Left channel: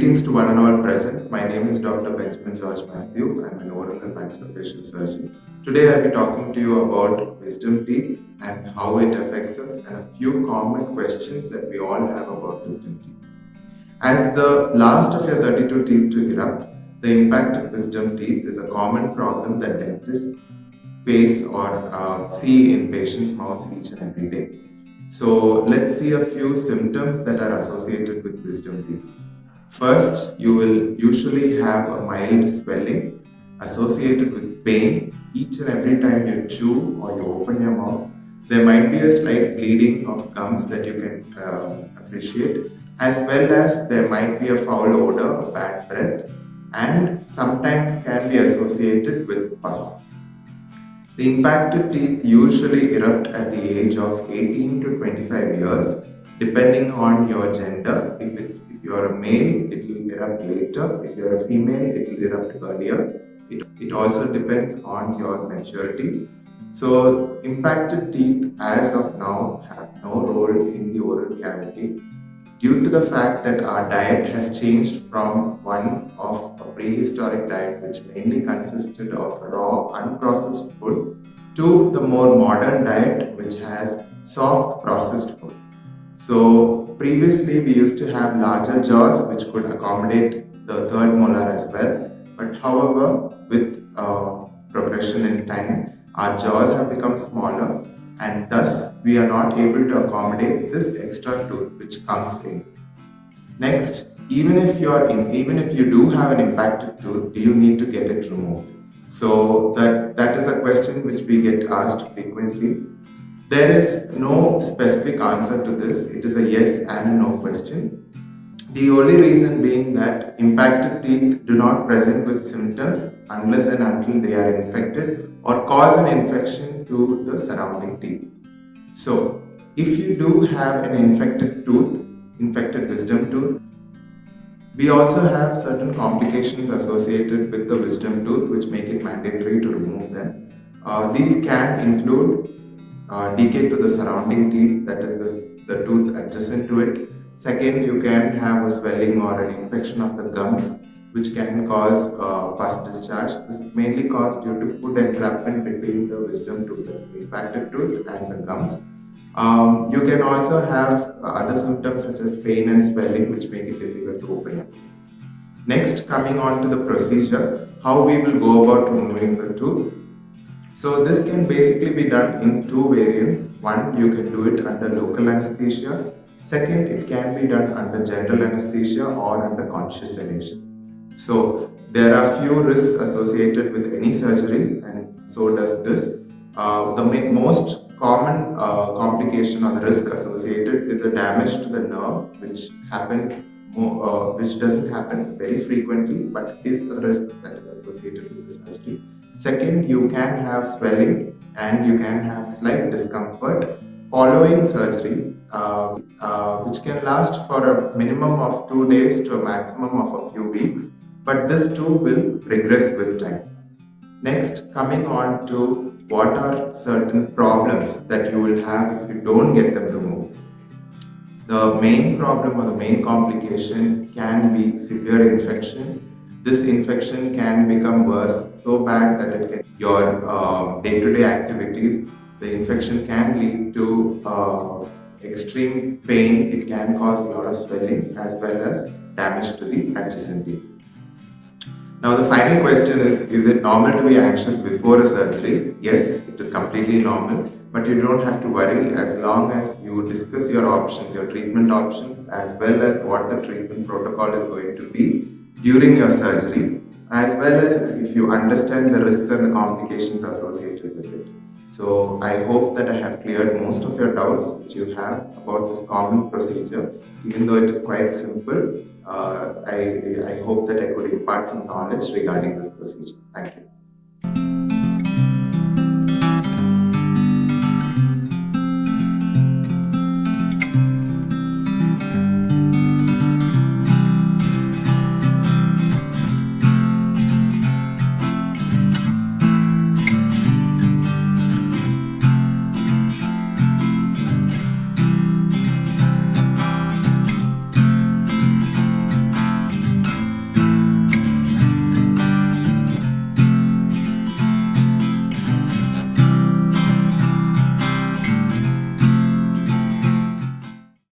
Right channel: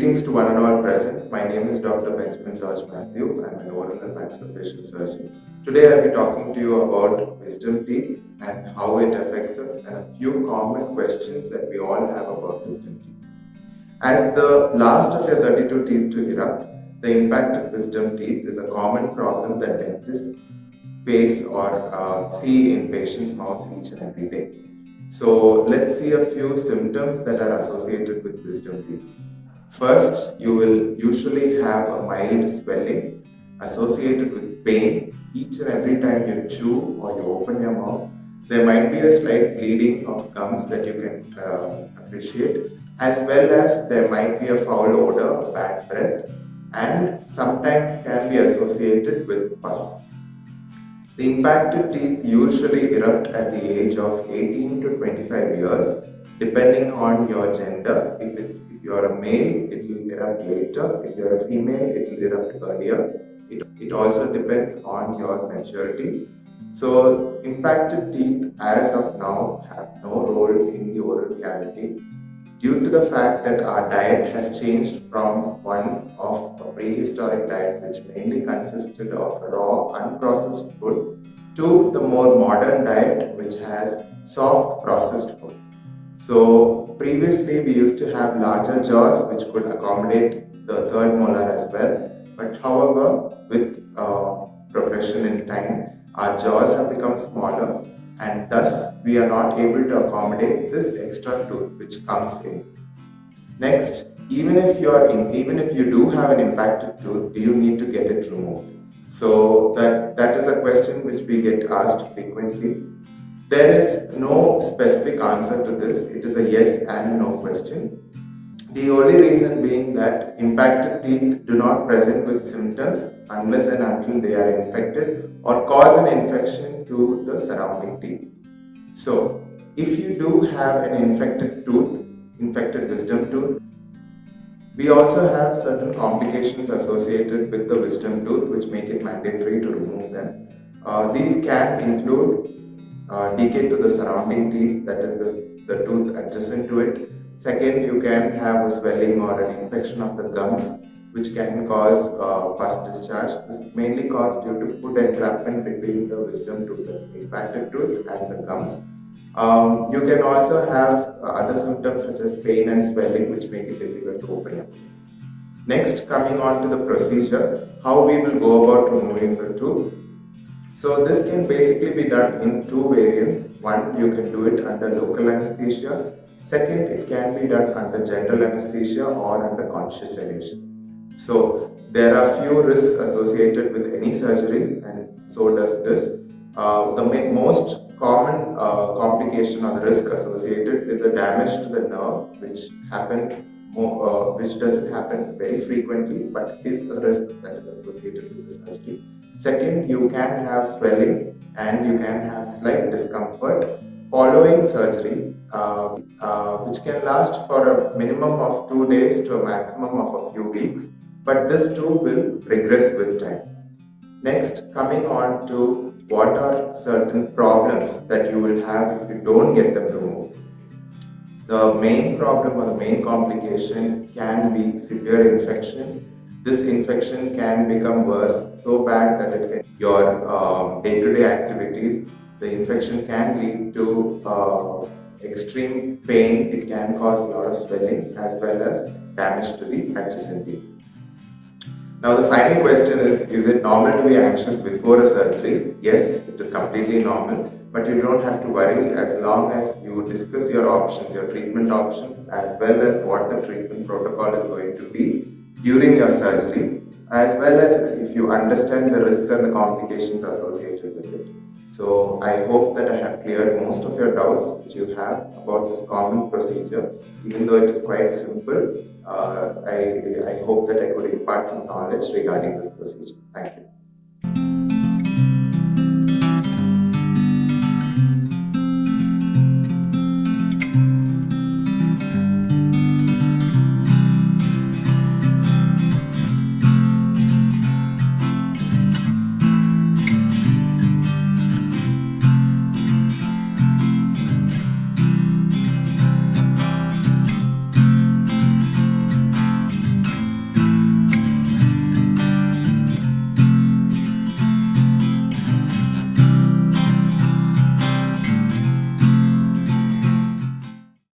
Greetings to one and all present. My name is Dr. Benjamin George Matthew. I'm an oral and maxillofacial surgeon. Today I'll be talking to you about wisdom teeth and how it affects us and a few common questions that we all have about wisdom teeth. As the last of your 32 teeth to erupt, the impacted wisdom teeth is a common problem that dentists face or see in patients' mouth each and every day. So let's see a few symptoms that are associated with wisdom teeth. First, you will usually have a mild swelling associated with pain each and every time you chew or you open your mouth. There might be a slight bleeding of gums that you can appreciate, as well as there might be a foul odor, a bad breath, and sometimes can be associated with pus. The impacted teeth usually erupt at the age of 18 to 25 years, depending on your gender. If you are a male, it will erupt later. If you are a female, it will erupt earlier. It also depends on your maturity. So, impacted teeth as of now have no role in the oral cavity due to the fact that our diet has changed from one of a prehistoric diet which mainly consisted of raw, unprocessed food to the more modern diet which has soft processed food. So previously we used to have larger jaws which could accommodate the third molar as well, but however with progression in time our jaws have become smaller and thus we are not able to accommodate this extra tooth which comes in. Next, even if you do have an impacted tooth, do you need to get it removed? So that is a question which we get asked frequently. There is no specific answer to this. It is a yes and no question. The only reason being that impacted teeth do not present with symptoms unless and until they are infected or cause an infection to the surrounding teeth. So, if you do have an infected wisdom tooth, we also have certain complications associated with the wisdom tooth which make it mandatory to remove them. These can include decay to the surrounding teeth, that is the tooth adjacent to it. Second, you can have a swelling or an infection of the gums which can cause pus discharge. This is mainly caused due to food entrapment between the wisdom tooth, the impacted tooth, and the gums. You can also have other symptoms such as pain and swelling which make it difficult to open your mouth. Next, coming on to the procedure, how we will go about removing the tooth. So this can basically be done in two variants. One, you can do it under local anesthesia. Second, it can be done under general anesthesia or under conscious sedation. So there are few risks associated with any surgery and so does this. The most common complication or the risk associated is a damage to the nerve which doesn't happen very frequently but is a risk that is associated with the surgery. Second, you can have swelling and you can have slight discomfort following surgery which can last for a minimum of 2 days to a maximum of a few weeks, but this too will regress with time. Next, coming on to what are certain problems that you will have if you don't get them removed. The main problem or the main complication can be severe infection. This infection can become worse so bad that it can your day-to-day activities. The infection can lead to extreme pain. It can cause a lot of swelling as well as damage to the adjacent teeth. Now the final question is it normal to be anxious before a surgery? Yes, it is completely normal, but you don't have to worry as long as you discuss your options, your treatment options, as well as what the treatment protocol is going to be during your surgery, as well as if you understand the risks and the complications associated with it. So I hope that I have cleared most of your doubts which you have about this common procedure. Even though it is quite simple, I hope that I could impart some knowledge regarding this procedure. Thank you.